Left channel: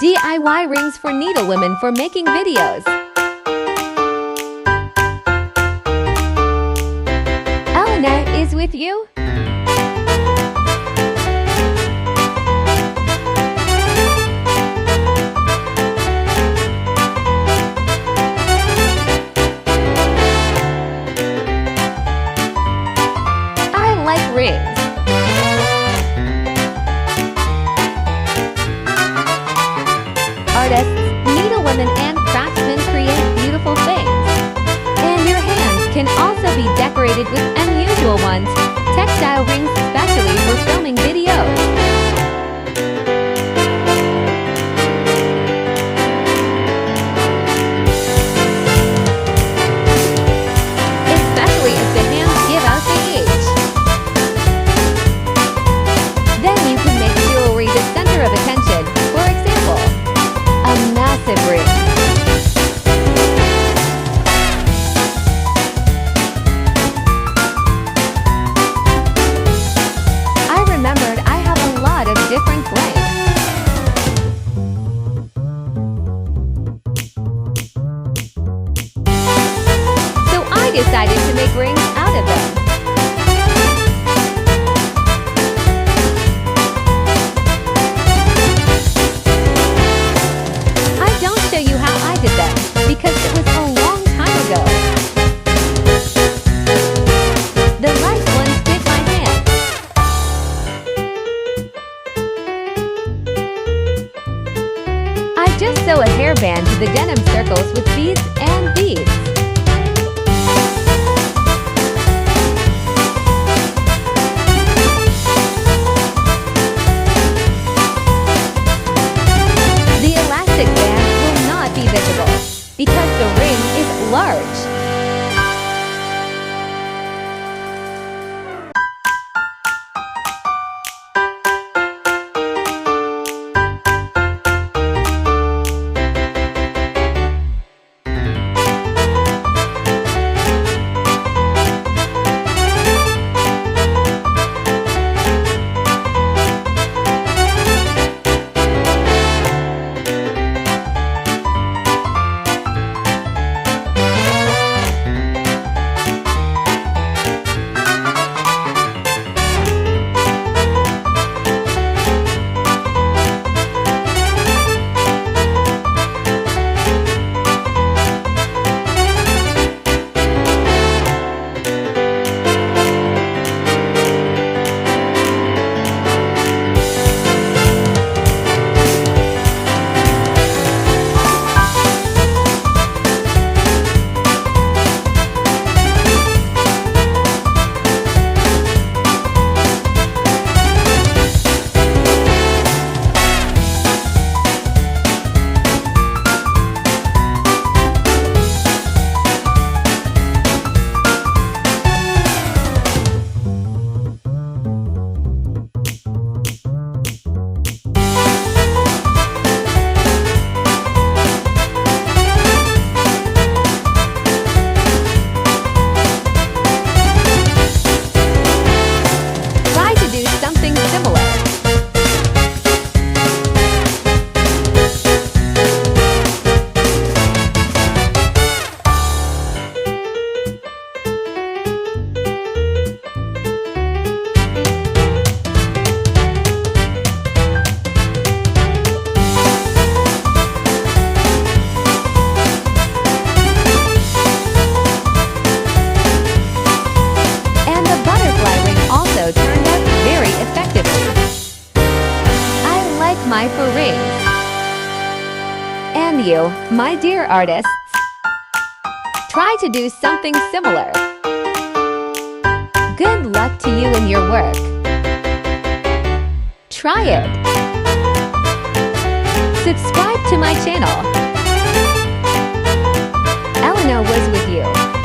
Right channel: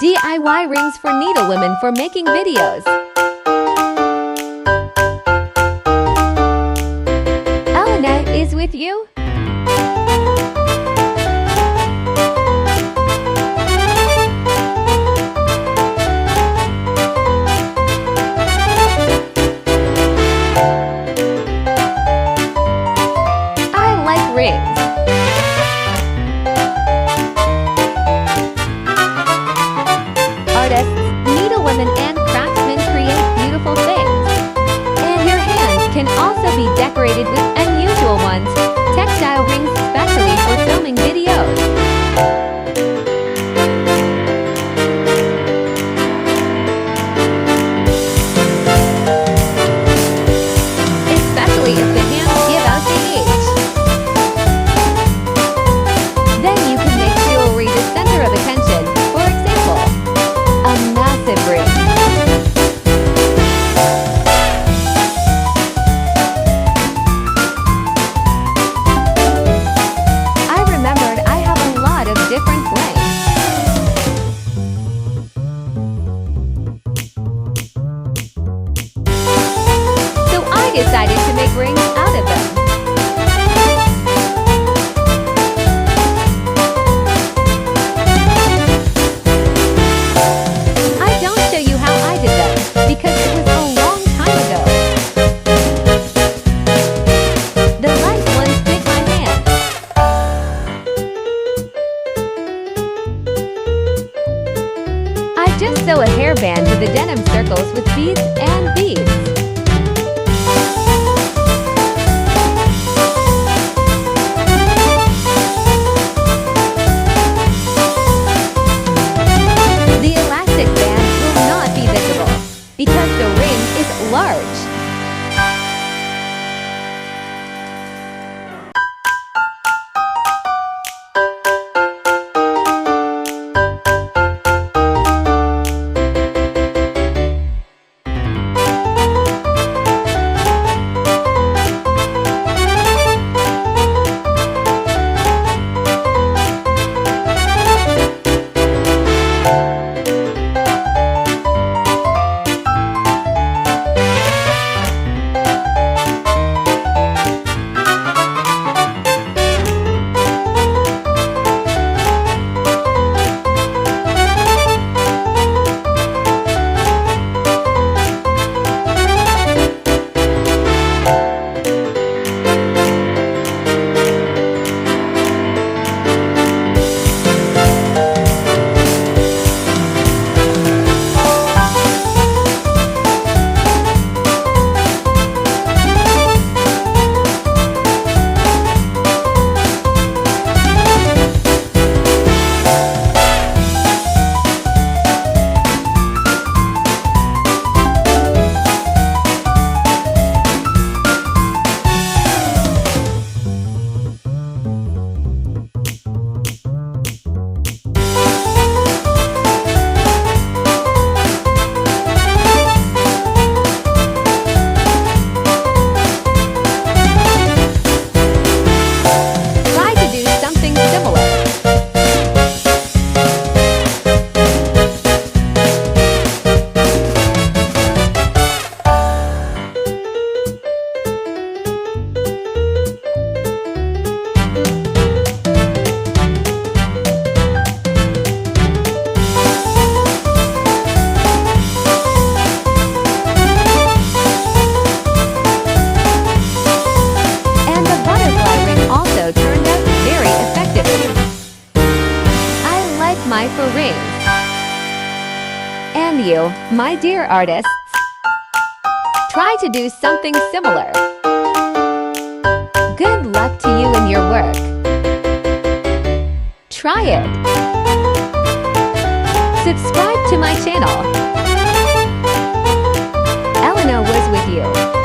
DIY rings for needlewomen for making videos. Elena is with you. I like rings. Artists, needlewomen and craftsmen create beautiful things. And your hands can also be decorated with unusual ones, textile rings especially for filming videos. Especially if the hands give out the age. Then you can make jewelry the center of attention, for example, a massive ring. I remembered I have a lot of different blanks. So I decided to make rings out of them. Show you how I did them, because it was a long time ago. The light ones fit my hand. I just sew a hairband to the denim circles with beads and beads. The elastic band will not be visible because the ring is large. Something similar. And the butterfly ring also turned out very effectively. I like my for rings. And you, my dear artists, try to do something similar. Good luck to you in your work. Try it. Subscribe to my channel. Elena was with you.